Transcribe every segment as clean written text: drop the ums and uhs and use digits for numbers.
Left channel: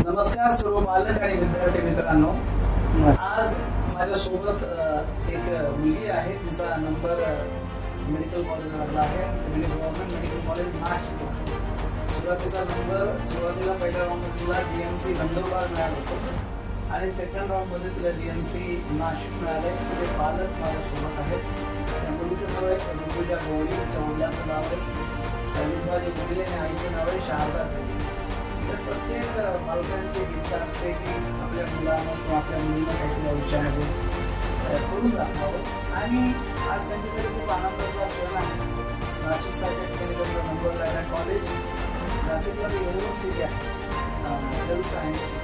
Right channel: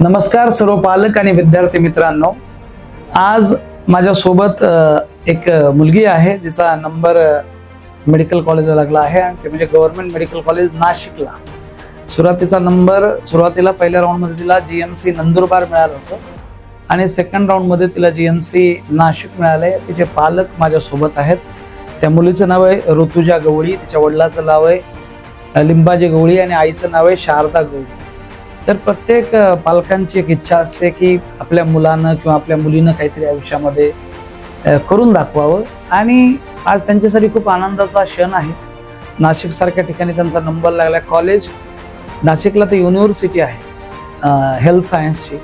नमस्कार सर्व पालक आणि विद्यार्थी मित्रांनो, आज माझ्या सोबत एक मुलगी आहे जिचा नंबर मेडिकल कॉलेजला लागला आहे आणि ते म्हणजे गव्हर्नमेंट मेडिकल कॉलेज नाशिकला. सुरुवातीचा नंबर सुरुवातीला पहिल्या राऊंड मध्ये तिला जीएमसी नंदुरबार मिळालं होतं आणि सेकंड राऊंड मध्ये तिला जीएमसी नाशिक मिळाले. तिचे पालक माझ्या सोबत आहेत. त्या मुलीचं नाव आहे ऋतुजा गवळी, तिच्या वडिलाचं नाव आहे लिंबाजी गवळी आणि आईचं नाव आहे शारदा गवळी. तर प्रत्येक पालकांची एक इच्छा असते की आपल्या मुलानं किंवा आपल्या मुलीनं काहीतरी आयुष्यामध्ये करून दाखवावं आणि आज त्यांच्यासाठी खूप आनंदाचा क्षण आहे. नाशिक सारख्या ठिकाणी त्यांचा नंबर लागला. कॉलेज नाशिकला तर युनिव्हर्सिटी आहे हेल्थ सायन्सची,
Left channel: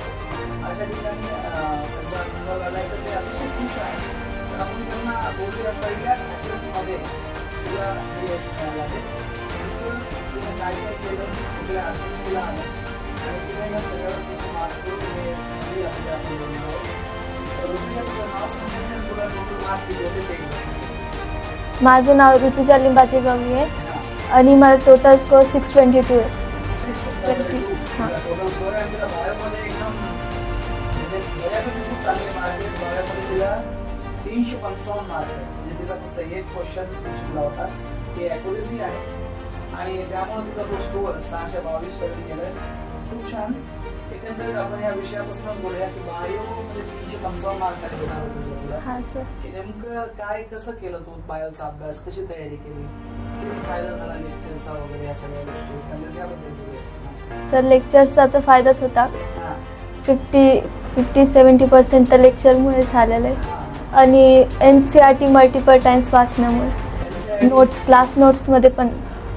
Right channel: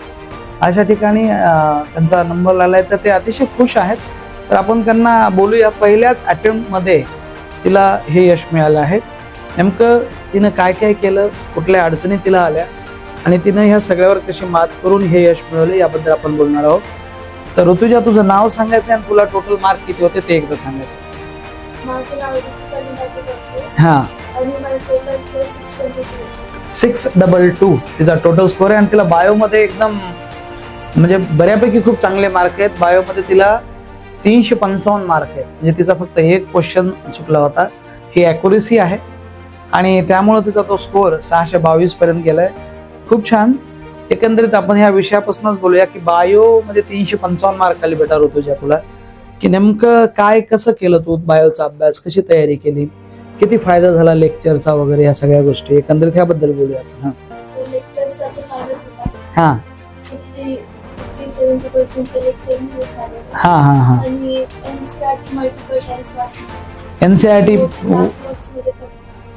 अशा ठिकाणी त्यांचा नंबर लागलाय तर ते अतिशय खुश आहेत. तर आपण त्यांना बोलूया. पहिल्याच अटेम्प्टमध्ये तिला हे यश मिळालं आहे. नेमकं तिनं काय काय केलं, कुठल्या अडचणी तिला आल्या आणि तिनं ह्या सगळ्यावर कशी मात करून हे यश मिळवले याबद्दल आपण बोलणार आहोत. तर ऋतुजा, तुझं नाव सांगायचं आणि तुला टोटल मार्क किती होते ते एकदा सांगायचं. माझं नाव ऋतुजा लिंबाजी गवळी आहे. हा, आणि माझा टोटल स्कोर 622 आहे. 622 तिचा टोटल स्कोर आहे आणि तिला बायोमध्ये एकदम म्हणजे बऱ्यापैकी खूप चांगले मार्क आहेत. बायोमध्ये तिला 355 मार्क आहेत. म्हणजे तिचा फक्त एक क्वेश्चन चुकला होता. ही ॲक्युरेसी आहे आणि त्यामुळे तिचा तो स्कोर 622 पर्यंत गेलाय. खूप छान. एकंदरीत आपण ह्या विषयापासूनच बोलूया की बायो मध्ये 355 मार्क आले बेटा ऋतुजा तुला, की नेमकं काय कसं केलं तू बायोचा अभ्यास, कशी तयारी केली, किती फायदा झाला लेक्चरचा वगैरे, ह्या सगळ्या गोष्टी एकंदरीत ह्याबद्दल बोलूया आपण. सर, लेक्चरचा तर फायदाच होता. हा, 50-70% तर लेक्चर मुळे झालेलं आहे. हा हा. आणि एनसीईआरटी मल्टिपल टाइम्स वाचण्यामुळे एनसीईआरटी क्लास नोट्स मध्ये पण.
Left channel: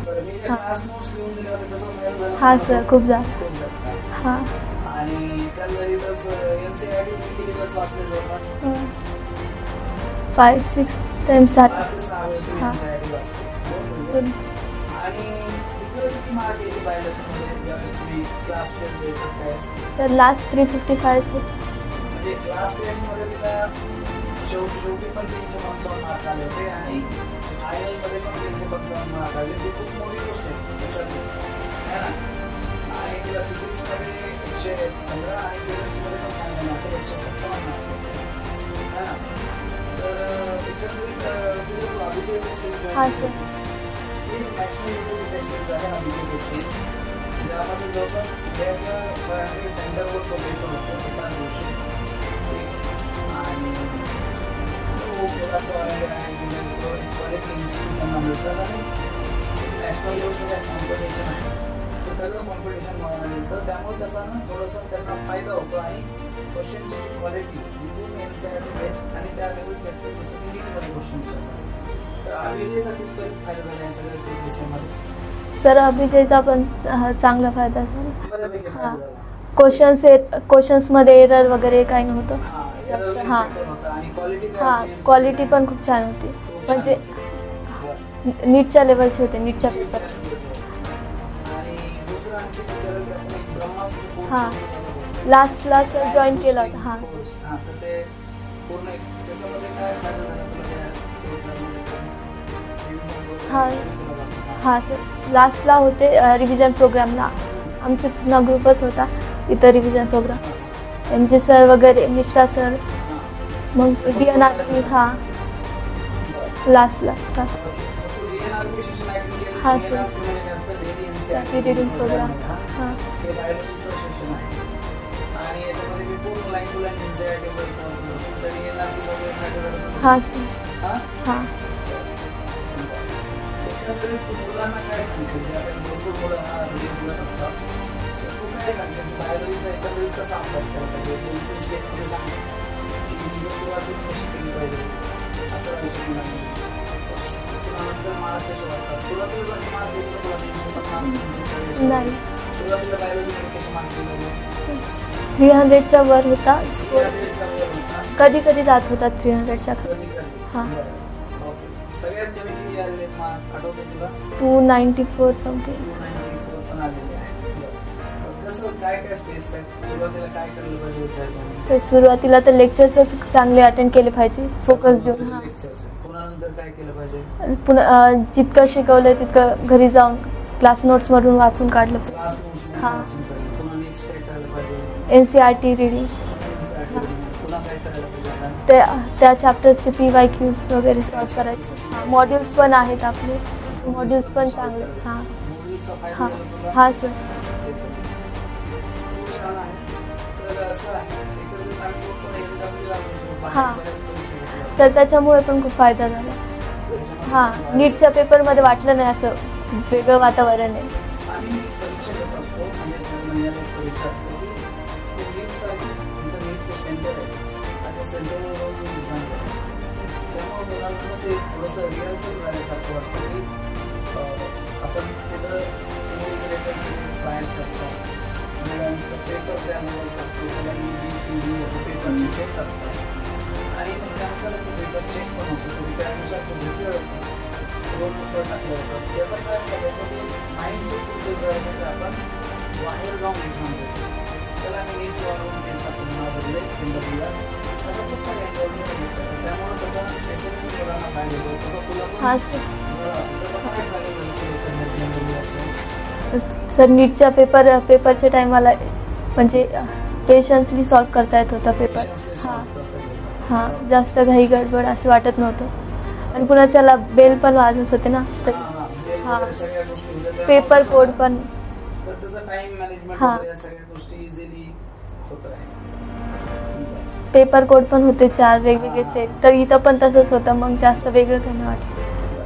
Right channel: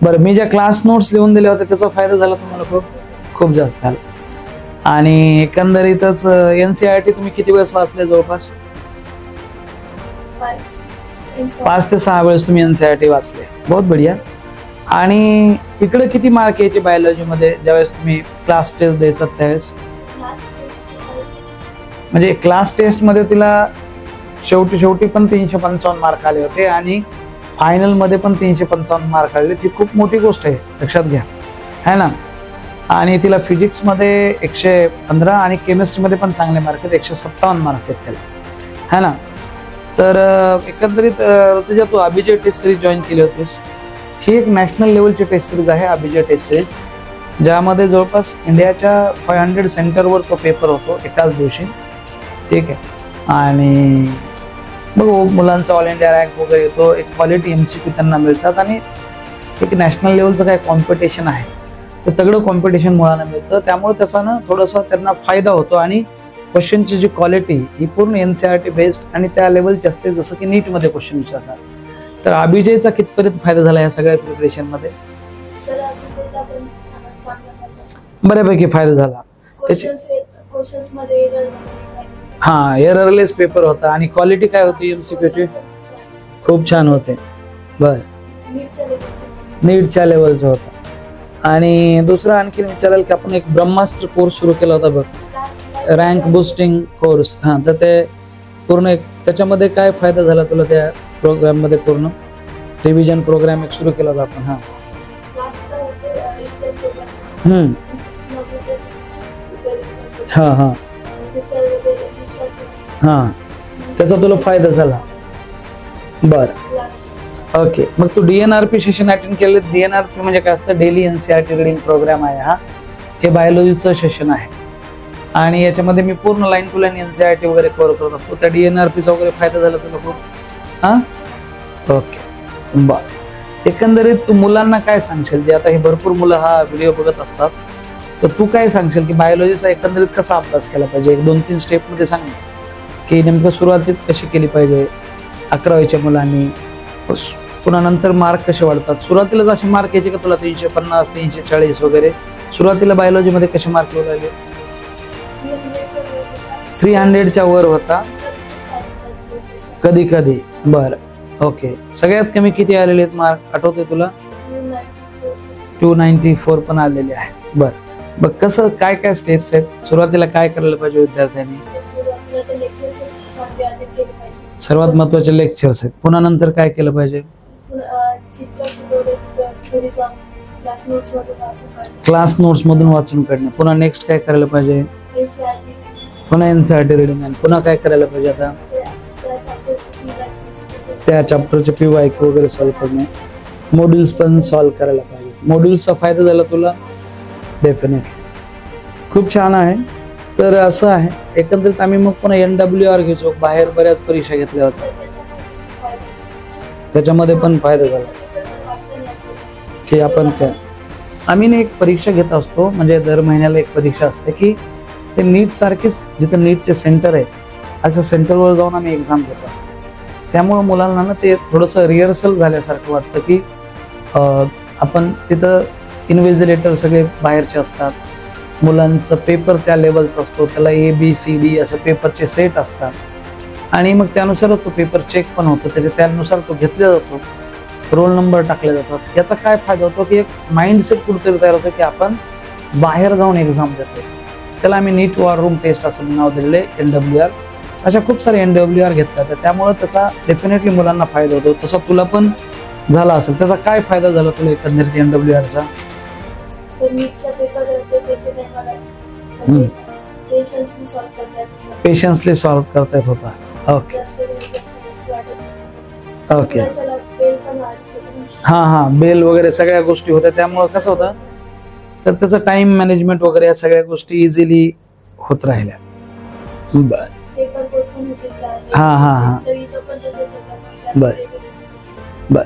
बरं, मी ज्या क्लास नोट्स लिहून दिल्या होत्या त्याचा फायदा झाला? हा सर, खूप जास्त झाला. आणि एकंदरीतच एनसीईआरटी तुम्ही किती वेळेस वाचले? जवळपास 5 ते 6 वेळेस तुम्ही एनसीईआरटी वाचले. बहुत बढिया. आणि इकडे किती मार्क यायचे बायोलॉजी मध्ये ज्यावेळेस तुम्ही क्लास टेस्ट द्यायचा त्यावेळेस? Sir, last 355. म्हणजे क्लास टेस्ट मध्ये तिला शेवटी पण 355 मार्क आले होते आणि फायनल मध्ये पण 355 मार्क आले. ती खूप मोठी गोष्ट आहे, लक्षात घ्या, है ना. आणि तिला फिजिक्स मध्ये 115 आणि केमिस्ट्री मध्ये पण चांगले मार्क आहेत, 157 मार्क आहेत त्याला, है ना. तर एकंदरीत तुझ्या तू अभिजय टेस्ट सिरीज जॉईन केली होतीस. ही एक नॅशनल लेवलची टेस्ट सिरीज आहे अभिजय टेस्ट सिरीज, ज्यामध्ये जवळपास इंडियाच्या 500 सेंटरवर तो पेपर होतो एकाच दिवशी. ठीक आहे. आणि बघ, मुलांचा ऑल इंडिया रँक वगैरे येतो, एक क्वालिटी MCQ त्यांना मिळतात आणि एक नॅशनल लेवलचं काय कॉम्पिटिशन आहे तर तगडं कॉम्पिटिशन मुलांना मिळतं. त्यामुळे त्याचा ना थोडासा त्यांना फायदा होतो आणि क्वेश्चनची जी क्वालिटी ही पूर्ण NCERT बेस्ड आणि त्या लेवलची असते, जसं की नीटमध्ये क्वेश्चन विचारतात. तर अभिजयचा कितपर्यंत फायदा झाला या सगळ्या प्रिपरेशन मध्ये? सर, अभिजयचा पण चांगला फायदा झाला, बऱ्यापैकी फायदा झाला. क्वेश्चन्स मध्ये एरर वगैरे काही नव्हतं. हा, एररलेस पेपर होता. आणि क्वालिटी काय होती? क्वालिटी पण खूप छान होती. खूप छान होते. बर, नीटच्या लेवलचे होते. नीटच्या लेवलचे होते. आणि दुसरं आणखी विचारायला की आपण एक ब्रह्मास्त्र कोर्स सुरू केला होता बघ, रँक बुस्टिंग कोर्स. हा, तर ते पूर्ण एक त्याच्यामध्ये काय फायदा झाला तुला त्या प्रोग्राम मध्ये? पूर्ण रिव्हिजन प्रोग्राम एक सुरू केला होता आपण. हा सर, लास्टला होते रिव्हिजन प्रोग्रामला. आमची पूर्ण ग्रुपच होता इथं रिव्हिजन प्रोग्राम. हा हा. एमजे सर वगैरे, मिश्रा सर. हा, मग त्याचा तुला फायदा झाला. बर, लास्ट. ओके. मग तू DNRP सेशन अटेंड केले? DNRP म्हणजे काय असतं? डेली NCERT रीडिंग प्रोग्राम आहे हा. हे बायोलॉजीचं सेशन आहे आणि याच्यामध्ये मी पूर्ण लाईन टू लाईन NCERT वगैरे करत होतो. त्या DNRPचा वगैरे फायदा झाला तुला? हा. ओके, बर. एकंदरीत तू मुलांना काय सांगशील, जे आता हे भरपूर मुलं हा व्हिडिओ बघत असतात, तर तू काय सांगशील की बायोलॉजीचा एकंदरीत कसा अभ्यास केला पाहिजे? 1-2-3 स्टेप मध्ये सांग की नेमकं सुरुवातीत कशी केली पाहिजे 11वीच्या मुलांनी, पुन्हा नंतर मार्क कसे वाढतात? सुरुवातीला असे मार्क यायचे का तुला 350, 340 वगैरे? सुरुवातीला बायोलॉजी मध्ये कसे मार्क येऊ लागले? 300च्या वर होता. 300च्या वर होता? कधी कधी जात होता 300च्या कधी. बर, ओके. सगळ्यात कमी किती आलेले आहेत मार्क, आठवतंय तुला? 294 समथिंग. 294 पण आलेले आहेत. बर, बघ कसं काय स्टेप्स आहेत? सुरुवातीला काय करायला पाहिजे विद्यार्थ्यांनी? सुरुवातीला तर लेक्चर्स चांगले अटेंड केले पाहिजे, सर्वात महत्त्वाचे लेक्चर्स आहेत. पुन्हा नंतर काय केलं पाहिजे? पुन्हा जितकं शिकवलंय तितकं घरी जाऊन क्लास नोट्स मधून वाचून काढलं. क्लास नोट्स मधून वाचून काढणं. पुन्हा नेक्स्ट काय करायला पाहिजे? NCERT reading. पुन्हा एनसीईआरटी रीडिंग. पुन्हा काय करायला पाहिजे आता? त्या चॅप्टरचे पीवायक्यूज वगैरे. त्या चॅप्टरचे पीवायक्यू वगैरे पण आहेत आपले. मॉड्यूल्स पण सॉल्व्ह करायला पाहिजे. मॉड्यूल्सचा फायदा झाला तुला? हा सर. डेफिनेटली खूप छान आहे. तर असं आहे एकंदरीत आम्ही मग पुन्हा NWR घ्यायचो. बाहेर बऱ्याच परीक्षा घेतल्या होत्या. तर त्याच्यामुळे पण खूप फायदा झाला. त्याच्यामध्ये पण फायदा झाला. नीटच्या पेपर मध्ये वाटलं नाही असं की आपण वातावरण. आम्ही एक परीक्षा घेत असतो म्हणजे दर महिन्याला एक परीक्षा असते की ते नीट सारखीच जिथं नीटचे सेंटर आहे असं सेंटरवर जाऊन आम्ही एक्झाम घेत असतो. त्यामुळे मुलांना ना ते थोडंसं रिहर्सल झाल्यासारखं वाटतं की आपण तिथं इन्व्हिजिलेटर सगळे बाहेरचे असतात. मुलांचं पेपर त्या लेवलचा असतो. त्याला ABCD असं पेपरचे सेट असतात आणि मग त्यानुसार तो पेपर चेक पण होतो. त्यानुसार तो घेतला जातो. रोल नंबर टाकले जातात. याचा काय फायदा होतो की एक माइंडसेट कुठेतरी तयार होतं की आपण बाहेर जाऊन एक्झाम देतो. त्याला आम्ही नीट वॉर रूम टेस्ट असं नाव दिलेलं आहे NWR. अशा खूप सारे NWR घेतला तर त्यामुळे त्याचा डेफिनेटली मुलांना फायदा होतो. तसा तुला पण झाला असेल. त्याचा काय फायदा झाला तुला एकंदरीत NWRचा? सर नीटच्या पेपरच्या टाइमाला म्हणजे पेशन्सली सॉल्व्ह करता येत होता. पेशन्सली सॉल्व्ह करता येत होता. जास्त घाई गडबड असं वाटत नव्हतं. कुणाच्याला बेल पण वाजत होते ना. हा बेल वगैरे सगळ्या गोष्टी होत्या त्यामुळे कसं होतं तर त्याचं टाइम मॅनेजमेंट वगैरे या सगळ्या गोष्टी इझिली होत राहिल्या. पेपर कोड पण होते 4 वेगवेगळे. तर इथं पण तसंच होतं. मग जास्त वेगळं काही वाटलं.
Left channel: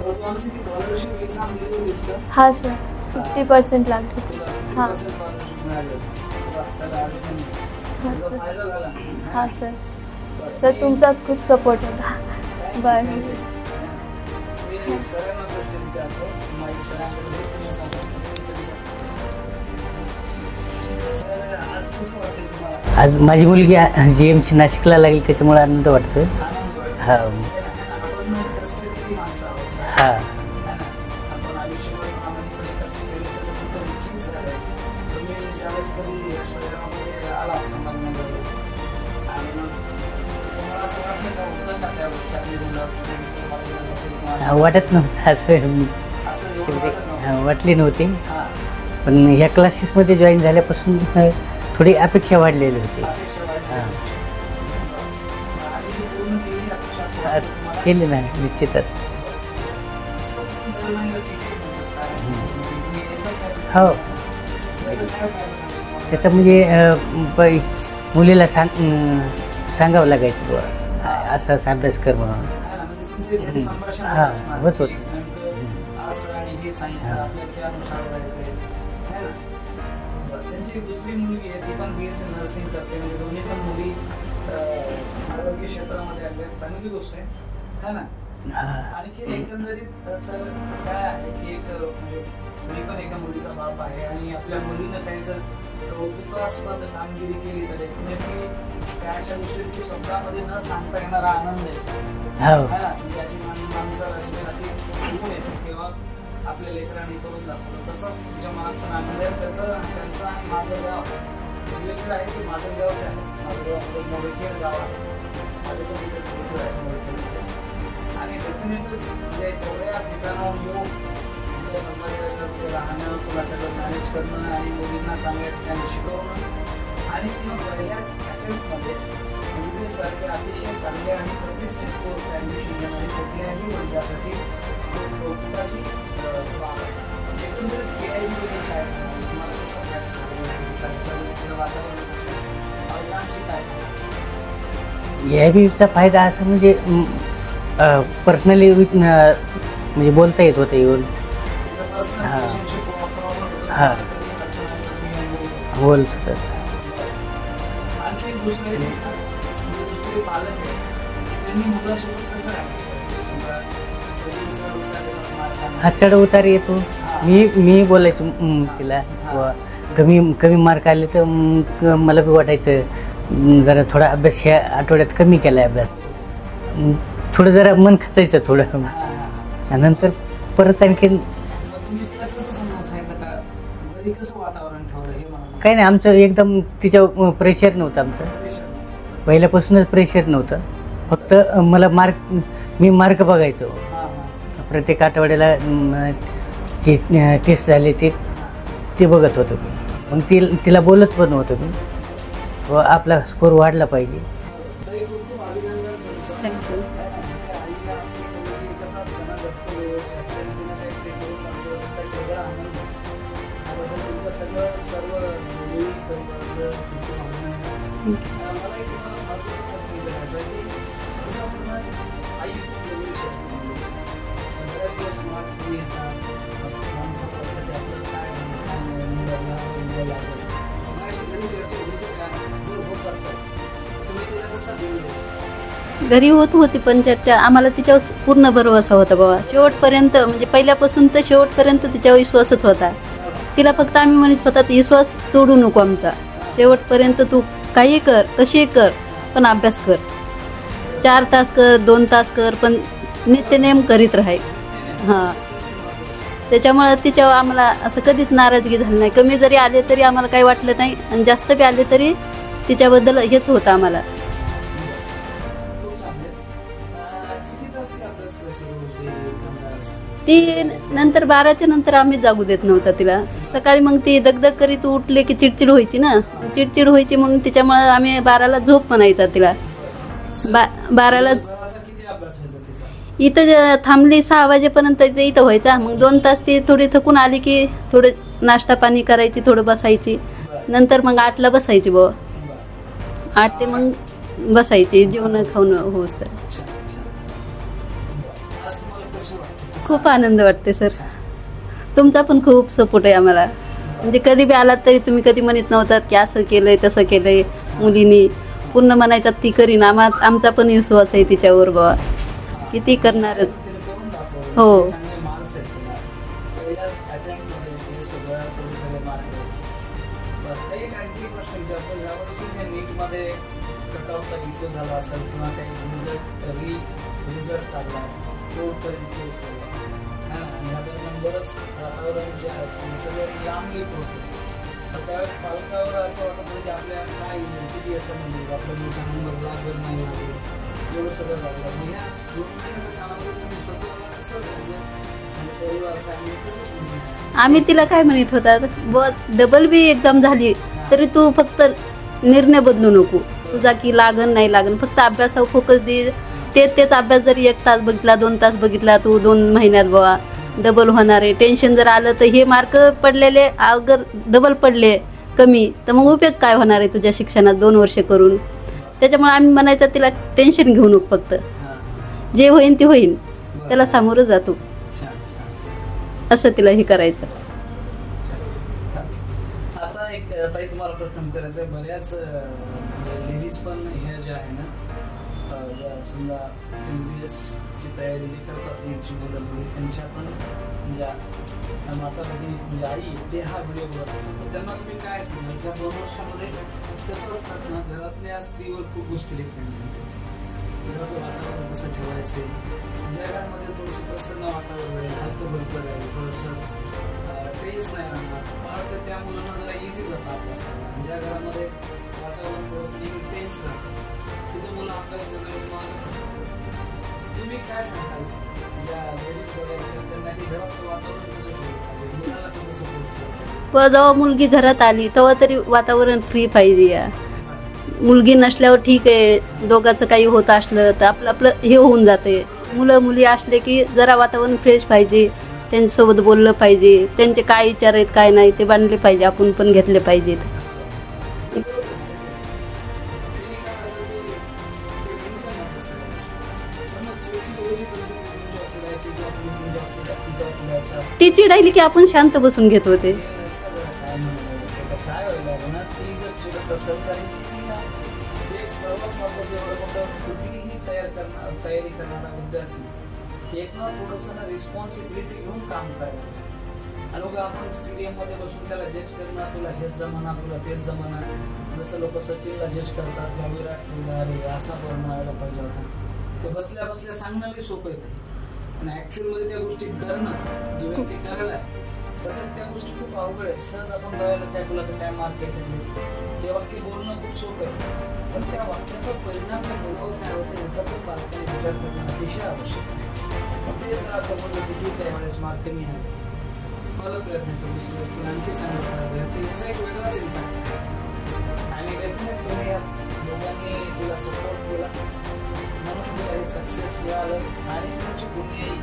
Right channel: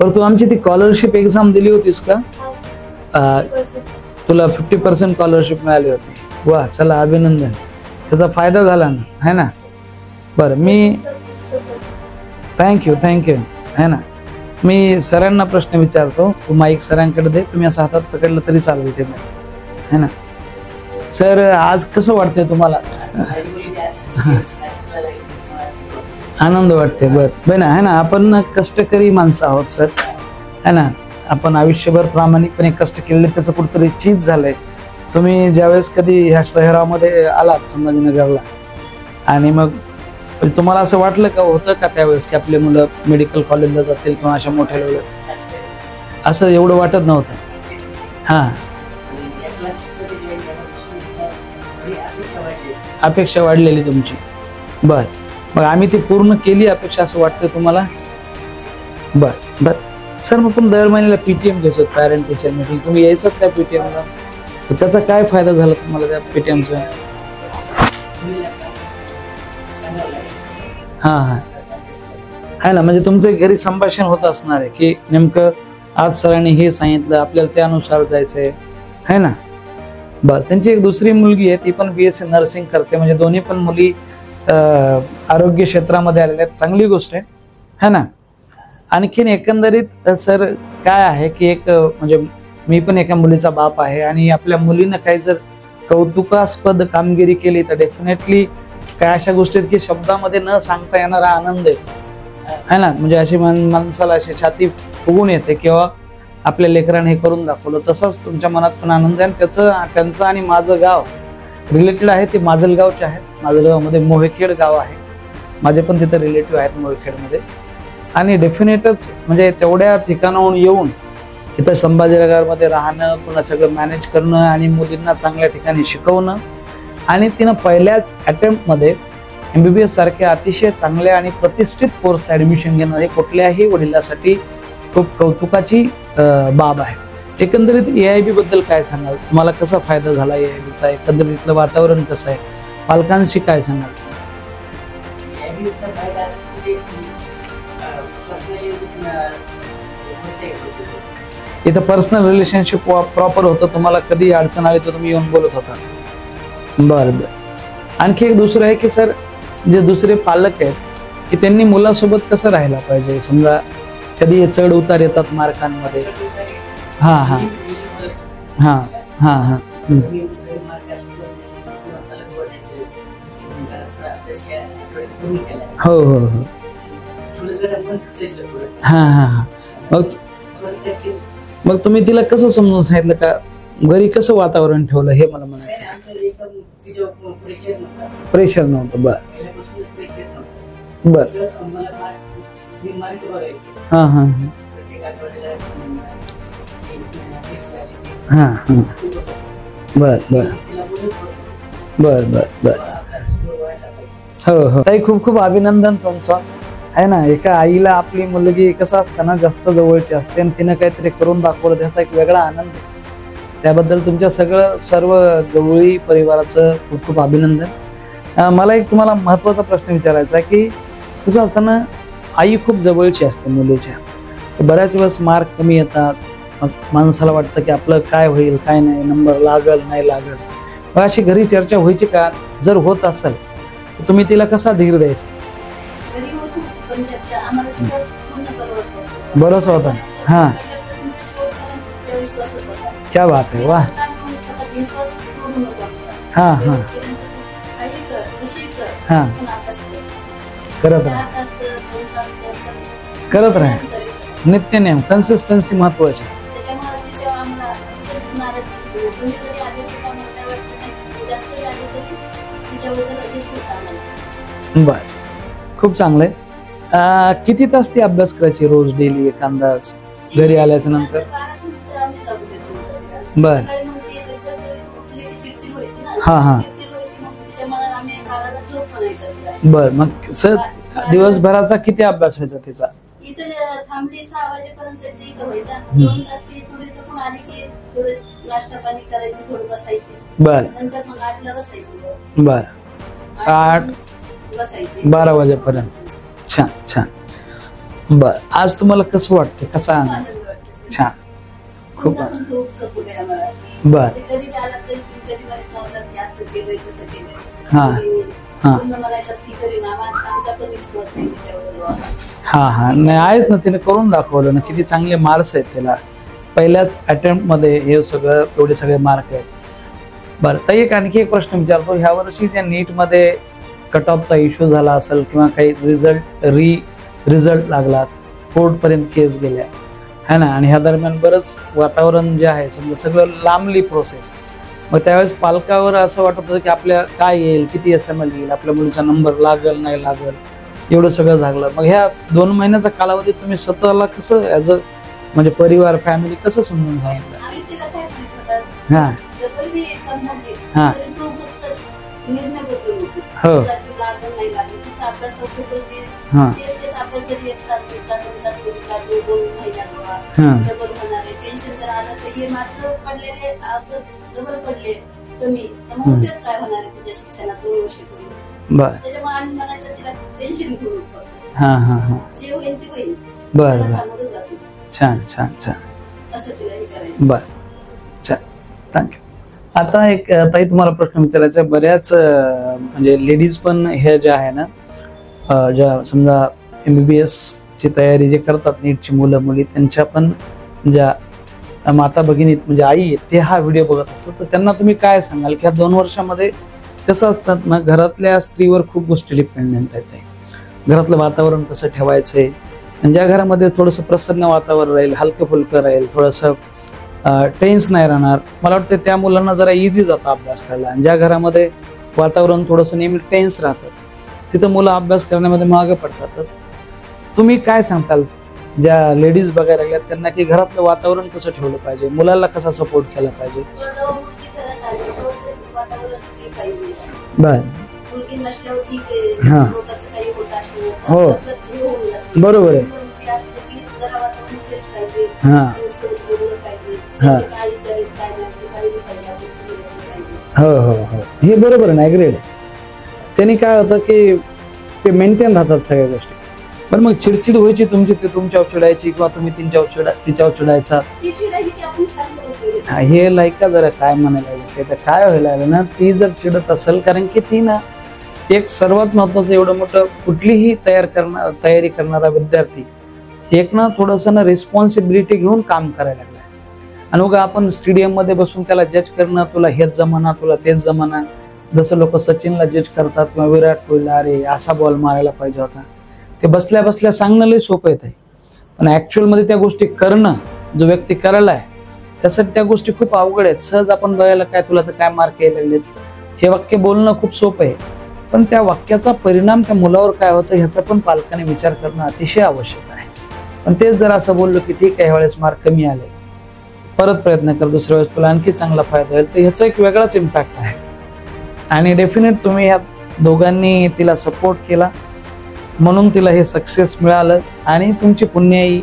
बरं तू आमची ती स्कॉलरशिप एक्झाम दिली होतीस का? हा सर. 50% लागले. तुला 50% स्कॉलरशिप मिळाली होती. वा चला अभिनंदन. त्याचा फायदा झाला ना है ना? बरं मी खूप सपोर्ट होता. थँक्यू है ना. मी सरांना प्रश्न विचारतो. तू माईक सरांकडे दे. तुम्ही असं हातात पकडलं तरी चालू इथे है ना. सर आज कसं वाटतंय तुम्हाला? आज माझी मुलगी GMC नाशिकला लागली त्याच्यामुळे आनंद वाटतोय. आनंद वाटतोय. बरं है ना. आपण कष्टकरी माणसं आहोत सर है ना. आपण आयुष्यभर प्रामाणिकपणे कष्ट केलेले त्याचं कुठतरी चीज झालंय. तुम्ही ज्यावेळेस कधी ह्या शहरामध्ये आलात संभाजीनगरला आणि मग तुम्हाला असं वाटलं का होतं का त्यावेळेस की आपले मुलं मेडिकल कॉलेजला जातील किंवा अशा? वाटत नव्हतं. असं एवढं वाटत नव्हतं? वाटली नव्हती. पण या क्लासेस मध्ये जॉईन झाल्यापासून थोडी अपेक्षा वाढलेली तुमची. बर मग आम्ही ती पूर्ण केली अपेक्षा असं वाटतं तुम्हाला? केली नाही निश्चितच. बर सर मग पण दर महिन्याला PTM घ्यायचो पॅरेंट टीचर मीटिंग. तुम्ही यायचं त्या PTM? त्याचा काय फायदा झाला तुम्हाला? मुलीला सांगावं लागायचं असा अभ्यास कर म्हणून है ना. म्हणजे तुमचं घरी संभाषण होत असणार आहे की नेमकं आज सरांनी हे सांगितलं आपल्याला त्यानुसार जायचंय है ना. बर त्यांची एक दुसरी मुलगी आहे ती पण BSc नर्सिंग करते. म्हणजे दोन्ही पण मुली आरोग्य क्षेत्रामध्ये आलेल्या आहेत. चांगली गोष्ट आहे है ना. आणखीन एकंदरीत सर काय आहे की एक म्हणजे मी पण एका मुलीचा बाप आहे आणि आपल्या मुलीनं काही जर कौतुकास्पद कामगिरी केली तर डेफिनेटली काय अशा गोष्टी की शब्दामध्ये न सांगता येणारा आनंद आहे ना. म्हणजे अशी माणसाला अशी छाती फुगून येते किंवा आपल्या लेकराने हे करून दाखवलं. तसंच तुमच्या मनात पण आनंद आहे. त्यांचं आणि माझं गाव रिलेटेड आहे. ते माजलगावचे आहेत. माजलगावमध्ये मोहेखेड गाव आहे. माझे पण तिथे रिलेटिव्ह आहेत मोहेखेडमध्ये. आणि डेफिनेटच म्हणजे तेवढ्या ठिकाणाहून येऊन इथं संभाजीनगरमध्ये राहणं पुन्हा सगळं मॅनेज करणं आणि मुलींना चांगल्या ठिकाणी शिकवणं आणि तिनं पहिल्याच अटेम्प्टमध्ये MBBS सारख्या अतिशय चांगल्या आणि प्रतिष्ठित कोर्स ऍडमिशन घेणं हे कुठल्याही वडिलांसाठी खूप कौतुकाची बाब आहे. एकंदरीत AIB बद्दल काय सांगाल? तुम्हाला कसा फायदा झाला AIBचा? एकंदरीतलं वातावरण कसं आहे? पालकांशी काय सांगाल? AIBचा फायदा असा म्हणजे पर्सनली म्हणजे बोलता येत होतं येऊन. इथं पर्सनल रिलेशनशिप प्रॉपर होतं. तुम्हाला कधी अडचण आली तर तुम्ही येऊन बोलत होता? बरं. आणखी एक दुसरं आहे की सर जे दुसरे पालक आहेत की त्यांनी मुलासोबत कसं राहायला पाहिजे? समजा कधी चढ उतार येतात मार्कांना. चढ उतार येतो. मी बोलायचो कमी मार्क आले तर मला बी वाटायचं जरा थोडा अभ्यास ह्या आठवड्यात कमी केलाय अभ्यास. हो थोडं जरा मन खचायचं थोडं. नंतर परत आणखी मग तुम्ही तिला कसं समजून सांगितलं का? घरी कसं वातावरण ठेवलं हे मला? काही नाही आमचं एकदम तिच्यावर प्रेशर नव्हतं. आमचं प्रेशर नव्हतं. पहिल्यापासूनच प्रेशर नव्हतं. फक्त मला मी मार्क बघायचो. प्रत्येक आठवड्याला ती टेस्ट झाली ते ते बघत होतो तिला बोलत पण होतो बर आपला स्कोर वाढला पाहिजे. हो ताई, खूप खूप अभिनंदन तुमचं. आहे ना, एका आईला आपली मुलगी कसं असतं ना, जास्त जवळची असते आणि तिनं काहीतरी करून दाखवलं, त्याचा एक वेगळा आनंद. त्याबद्दल तुमच्या सर्व गवळी परिवाराचं खूप खूप अभिनंदन. मला एक तुम्हाला महत्वाचा प्रश्न विचारायचा की कसं असतं ना, आई खूप जवळची असते मुलीच्या, बऱ्याच वेळेस मार्क कमी येतात, मग माणसाला वाटतं की आपलं काय होईल काय नाही, नंबर लागल नाही लागल. मग अशी घरी चर्चा व्हायची का? जर होत असेल तर तुम्ही तिला कसा धीर द्यायचा? घरी होती पण चर्चा. आम्हाला तिच्यावर पूर्ण भरोसा होता बाबा, शेवटपर्यंत म्हणजे पहिल्यापासून तर शेवटपर्यंत तिच्यावर विश्वासच होता. तिला फक्त आम्ही म्हणत होता विश्वास तोडू नको आमचा, शेवटपर्यंत तू काही कर कशी कर पण अभ्यास कर, 4 तास कर 2 तास कर पण नित्यनेम करीत राहाय. नित्यनेम कन्सिस्टन्सी महत्वाची. त्याच्यामुळे तिच्यावर आम्हाला असं कधीच नाराजगी झाली नाही. कमी जरी आले तरी आम्हाला काही वाटलं नाही आणि जास्त बी आले तरी तिच्याबद्दल हेच होतं आम्हाला. बर, खूप चांगलंय. किती तास ती अभ्यास करायची रोज डेली एक अंदाज? नंतर 12च्या नंतर आम्ही जाऊ देत नव्हता तिला. सकाळी मग ती दगदग करीत उठले की चिडचिड व्हायची ना, चिडचिड व्हायची म्हणून तिच्यामुळे आम्ही 12ला झोप म्हणायचा तिला. बर, मग दिवसभराचा किती अभ्यास व्हायचा तिचा? इथं थांबली 6 वाजेपर्यंत इथं व्हायचा. मग 2 तास ती थोडी थकून आली की थोडे नाश्ता पाणी करायची, थोडं बसायची. नंतर मग 8ला बसायची बाबा. बर, 8 बसायची 12 वाजेपर्यंत. छान छान. बर, आज तुम्हाला कसं वाटतं? खूप आनंद वाटते सर. तुमचा पण खूप सपोर्ट आहे आम्हाला. म्हणजे कधी बी आलात तरी तुम्ही कधी म्हणत नव्हतात की असं केलंय तसं केलंय मुलीनी, पूर्ण म्हणायचं ती करीन. आमचा पण विश्वास आहे तिच्यावर बाबा. आहेच ना, तिने करून दाखवलं ना. किती चांगले मार्क्स आहेत तिला पहिल्याच अटेम्प्ट मध्ये, हे सगळं एवढे सगळे मार्क आहेत. बरं ताई, एक आणखी एक प्रश्न विचारतो. ह्या वर्षी त्या नीट मध्ये कट ऑफचा इश्यू झाला असेल किंवा काही रिझल्ट लागला, कोर्ट पर्यंत केस गेल्या है ना, आणि ह्या दरम्यान बरंच वातावरण जे आहे समजा सगळं लांबली प्रोसेस. मग त्यावेळेस पालकावर असं वाटत होतं की आपल्या काय येईल, किती SML येईल, आपल्या मुलीचा नंबर लागल नाही लागल, एवढं सगळं झालं. मग ह्या 2 महिन्याचा कालावधीत तुम्ही स्वतःला कसं ऍज अ म्हणजे परिवार फॅमिली कसं समजून सांगितलं? आम्ही तिला काय म्हणत होता, डबल बी एक्झाम झाली तरी तू फक्त निर्णय बदलू नको तुझा की लागन नाही लागन, फक्त अभ्यासावर फोकस दे. तेच अभ्यास जरी 1 तास बघितला 2 तास बघितला तू 2 महिन्यात बाबा डबल होणार आहे. टेन्शन जर आलं तर हे मार्क पडलेले अगर डबल पडले कमी तर मग उपयोग काय होणार आहे तुझ्या शिक्षणात 2 वर्ष करून. त्याच्यामुळे आम्ही म्हणायचं तिला टेन्शन घेऊ नको, फक्त जे होईल ते होईल, त्याला सामोरं जातो. छान छान छान, असं तिला हे करायचं. बर, छान, थँक्यू. आता एक ताई तुम्हाला प्रश्न विचारायचा आहे. बऱ्याच म्हणजे लेडीज पण हे जे आहे ना, ज्या समजा MBBS ची तयारी जे करतात नीटची मुलं मुली, त्यांच्या पण ज्या माता भगिनी म्हणजे आई आहेत, ते हा व्हिडिओ बघत असतात. तर त्यांना तुम्ही काय सांगाल की ह्या 2 वर्षामध्ये कसं असतात ना, घरातल्या स्त्रीवर खूप गोष्टी डिपेंडेंट आहेत. घरातलं वातावरण कसं ठेवायचंय, आणि ज्या घरामध्ये थोडंसं प्रसन्न वातावरण राहील, हलकं फुलकं राहील, थोडंसं टेन्स नाही राहणार, मला वाटतं त्या मुलांना जरा इझी जातं अभ्यास करायला. आणि ज्या घरामध्ये वातावरण थोडंसं नेहमी टेन्स राहतं तिथं मुलं अभ्यास करण्यामध्ये मागे पडतात. तर तुम्ही काय सांगताल ज्या लेडीज बघायला लागल्यात त्यांना की घरातलं वातावरण कसं ठेवलं पाहिजे, मुलाला कसा सपोर्ट केला पाहिजे? जेव्हा मुलगी घरात आली तेव्हा तरी वातावरण फ्री पाहिजे. मुलगी नसल्यावर ठीक आहे, दोघांचं काही होत असलं तर आपलं हे होऊन जाते. मुलं मुली असले की जरा वातावरण फ्रेश पाहिजे, त्यांच्यासोबत बोललं पाहिजे, त्यांचे काय विचार आहेत काय नाही ते बांधले पाहिजे, आपण पण घेतले पाहिजेत. हे बरोबर नाही ग्रेड. त्यांनी काय होतं की ते मेंटेन राहतात सगळ्या गोष्टी. पण मग चिडचिड व्हायची तुमची, ते तुमच्यावर चिडायची किंवा तुम्ही तिच्यावर चिडायचा? ती चिडायली की आपण शांत बसून घेतो. हे लायका जरा काय म्हणायला काय व्हायला लागलं ना, ती जर चिडत असेल, कारण की ती ना एक सर्वात महत्वाचं एवढं मोठं कुठलीही तयारी करणारा विद्यार्थी एक ना थोडंसं ना रिस्पॉन्सिबिलिटी घेऊन काम करायला लागलाय. आणि उगा आपण स्टेडियम मध्ये बसून त्याला जज करणं, तुला हेच जमाना तुला तेच जमाना, जसं लोक सचिनला जज करतात किंवा विराट कोहलीला, अरे असा बॉल मारायला पाहिजे होता, ते बसल्या बसल्या सांगणं लई सोपं येते. पण ऍक्च्युअल मध्ये त्या गोष्टी करणं, जो व्यक्ती करायला आहे त्यासाठी त्या गोष्टी खूप अवघड आहेत. सहज आपण बघायला काय तुला तर काय मार्क यायला लागले, हे वाक्य बोलणं खूप सोपं आहे, पण त्या वाक्याचा परिणाम त्या मुलावर काय होतं ह्याचा पण पालकाने विचार करणं अतिशय आवश्यक आहे. पण तेच जर असं बोललो की ठीक आहे ह्यावेळेस मार्क कमी आले, परत प्रयत्न कर, दुसऱ्या वेळेस तुला आणखी चांगला फायदा होईल. तर ह्याचा एक वेगळाच इम्पॅक्ट आहे. आणि डेफिनेट तुम्ही ह्या दोघांनी तिला सपोर्ट केला म्हणून तिला हे सक्सेस मिळालं. आणि तुमची पुण्याई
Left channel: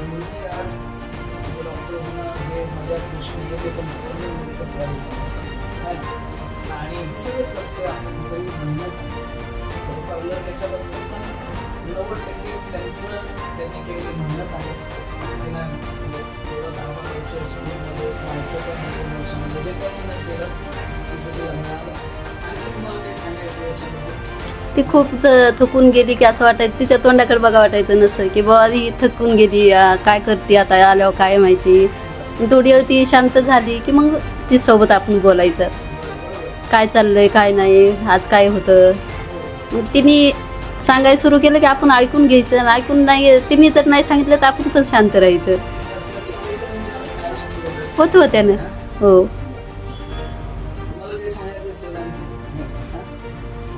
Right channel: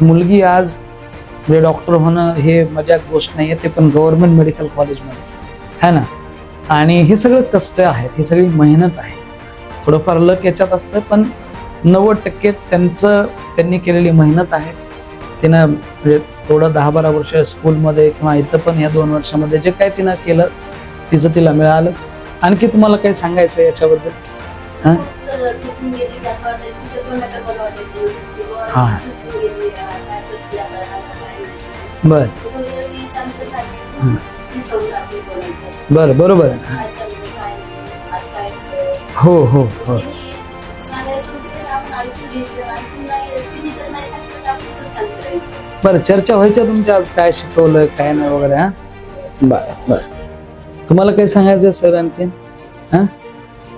मुलगी आज म्हणजे डॉक्टर होणं हे मजाक गोष्ट नाही आहे, ते पण गव्हर्नमेंट मेडिकल कॉलेजमध्ये है ना. आणि हे सगळं कष्ट आहे, ही सगळी मेहनत आहे. थोडंफार लक याच्यात असतं, पण 90% त्यांनी केलेली मेहनत आहे. तिनं म्हणजे थोडं 10-12 वर्ष स्कूलमध्ये किंवा इथं पण या 2 वर्षामध्ये जे काय तिनं केलं तिचं तिला मिळालं. आणखी तुम्हाला काही सांगायचं याच्याबद्दल? ती खूप थकून गेली की असं वाटायचं, तिच्या तोंडाकडे बघा वाटायचं नसतं की बाबा थकून गेली, काय करते आता आल्यावर काय माहिती. थोडी वेळ ती शांत झाली की मग ती सोबत आपण बोलायचं. बरोबर, काय चाललंय काय नाही, आज काय होतं. हो. तिने सांगायला सुरू केलं की आपण ऐकून घ्यायचं. आणि ऐकून नाही, तिने जर नाही सांगितलं तर आपण पण शांत राहायचं. बरं, चर्चा व्हायच्या तुमच्या आज काय शिकवलंय त्याला. हो. बरं, तुम्हाला काही सांगायचं सर आणखी?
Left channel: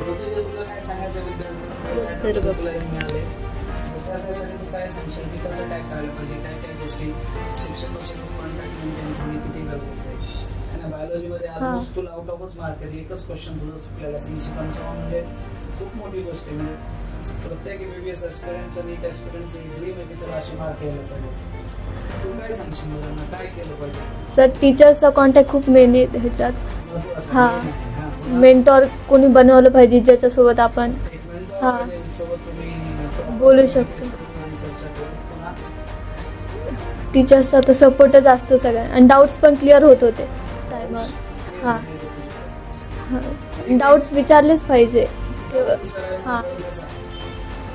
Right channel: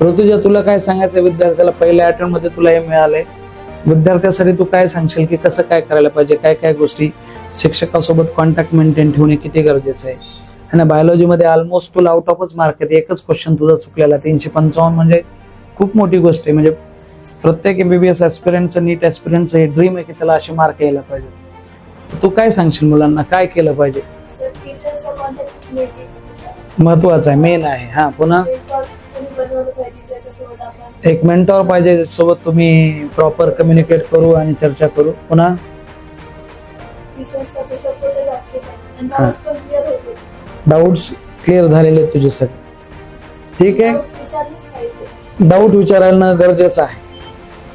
ऋतुजा, तुला काय सांगायचं विद्यार्थ्याला? पहिल्या अटेम्प्ट मध्ये तुला हे मिळालंय, विद्यार्थ्यासाठी तू काय सांगशील की कसं काय करायला पाहिजे? काय काय गोष्टी शिक्षकासोबत कॉन्टॅक्ट मेंटेन ठेवणे किती गरजेचं आहे ना. बायोलॉजीमध्ये ऑलमोस्ट तुला आउट ऑफच मार्क आहे. एकच क्वेश्चन तुझा चुकलेला, 355 म्हणजे खूप मोठी गोष्ट आहे. म्हणजे प्रत्येक MBBS ऍस्पिरंटचं, नीट ऍस्पिरंटचं हे ड्रीम आहे की त्याला असे मार्क यायला पाहिजे. तू काय सांगशील मुलांना, काय केलं पाहिजे? सर, टीचरचा कॉन्टॅक्ट खूप मेन आहे ह्याच्यात, महत्वाचा आहे, मेन आहे. पुन्हा मेंटॉर कोणी बनवलं पाहिजे ज्याच्यासोबत आपण एक मेंटॉर पाहिजे ज्याच्यासोबत तुम्ही प्रॉपर कम्युनिकेट करू आणि चर्चा करू. पुन्हा टीचर्सचा तर सपोर्टच असतं सगळ्यांना. आणि डाऊट्स पण क्लिअर होत होते. डाऊट्स क्लिअर झालेले तुझे सर? ठीक आहे, डाऊट्स विचारलेच पाहिजे. डाऊट विचारणं गरजेचं आहे.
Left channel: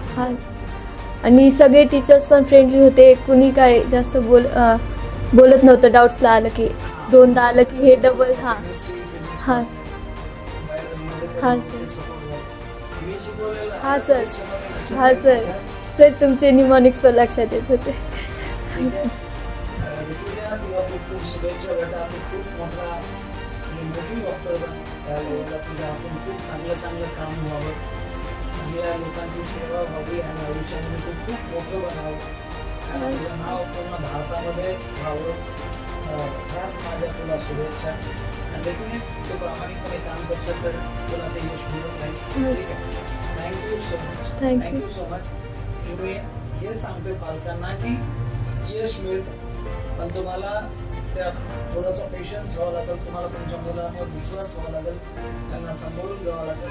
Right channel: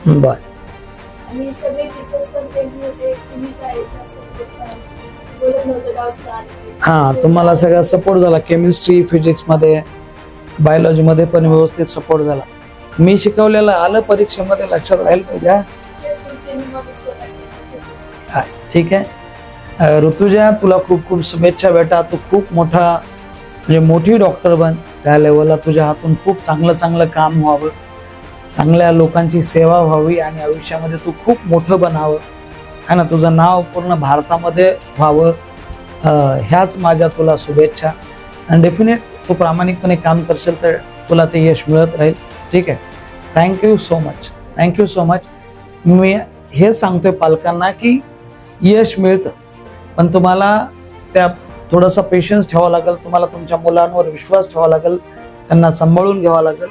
बरं. आणि सगळे टीचर्स पण फ्रेंडली होते, कुणी काय जास्त बोलत नव्हतं डाऊट्सला आलं की. तुम्हाला सगळा सपोर्ट झाला. केमिस्ट्री, फिजिक्स मध्ये, बायोलॉजी मध्ये पण व्यवस्थित सपोर्ट झाला. मी शिकवलेलं आलं परीक्षेमध्ये लक्षात राहील तुझ्या? सर, तुमचे निमॉनिक्स पण लक्षात येत होते. ठीक आहे. ऋतुजा, तुला खूप खूप शुभेच्छा बेटा. तू खूप मोठा म्हणजे मोठी डॉक्टर बन. त्या लेवलला तुझ्या हातून खूप चांगलं काम व्हावं, चांगल्या लोकांची सेवा व्हावी आणि आयुष्यामध्ये तू खूप मोठं बनावं है ना. तुझं नाव पूर्ण भारतामध्ये व्हावं, ह्याच माझ्या तुला शुभेच्छा. आणि डेफिनेट तू प्रामाणिकपणे काम करशील तर तुला ते यश मिळत राहील. ठीक आहे. Thank you so much. मी हे सांगतोय पालकांना की यश मिळतं, पण तुम्हाला त्या थोडासा पेशन्स ठेवावा लागेल. तुम्हाला तुमच्या मुलांवर विश्वास ठेवावा लागेल, त्यांना सांभाळून घ्यावा लागेल.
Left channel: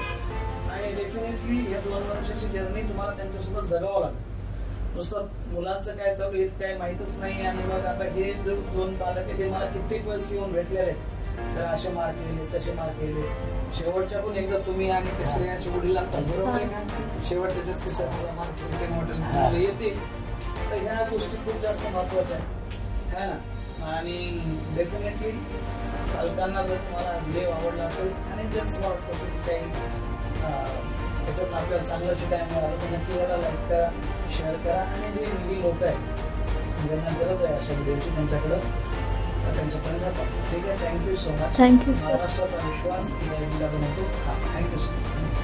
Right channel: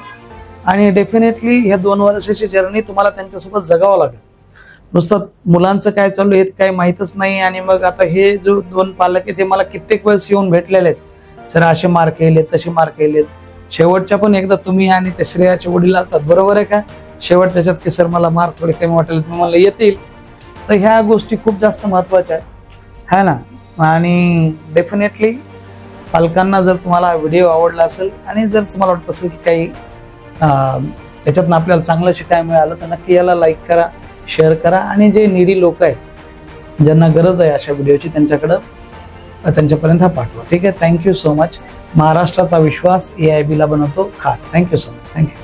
आणि डेफिनेटली ह्या 2 वर्षाची जर्नी तुम्हाला त्यांच्यासोबत जगावं लागेल. नुसतं मुलांचं काय चालू आहे काही माहीतच नाही. आणि मग आता हे जो 2 पालक आहेत ते मला कित्येक वेळेस येऊन भेटलेले आहेत, सर असे मार्क येलेत, तसे मार्क येलेत. शेवटच्या पण एकदा तुम्ही आणि ते श्रेयाचे वडील असतात, बरोबर आहे का? शेवट त्याच्यात की सर मला मार्क थोडे कमी वाटेल, तुम्हाला येतील. तर ह्या गोष्टी खूप जास्त महत्वाच्या आहेत है ना. आणि डेफिनेटली पालकांना जर तुम्हाला व्हिडिओ आवडला असेल आणि जर तुम्हाला वाटत असेल की काही याच्यातनं आपल्याला चांगलं शिकायला मिळालं तर नक्की याला लाईक करा, शेअर करा. आणि जे निडी लोक आहेत ज्यांना गरज आहे अशा व्हिडिओची त्यांच्यापर्यंत हा पाठवा. ठीक आहे. Thank you so much. महाराष्ट्राचा विश्वास AIB ला बनवतो खास. Thank you so much. थँक्यू.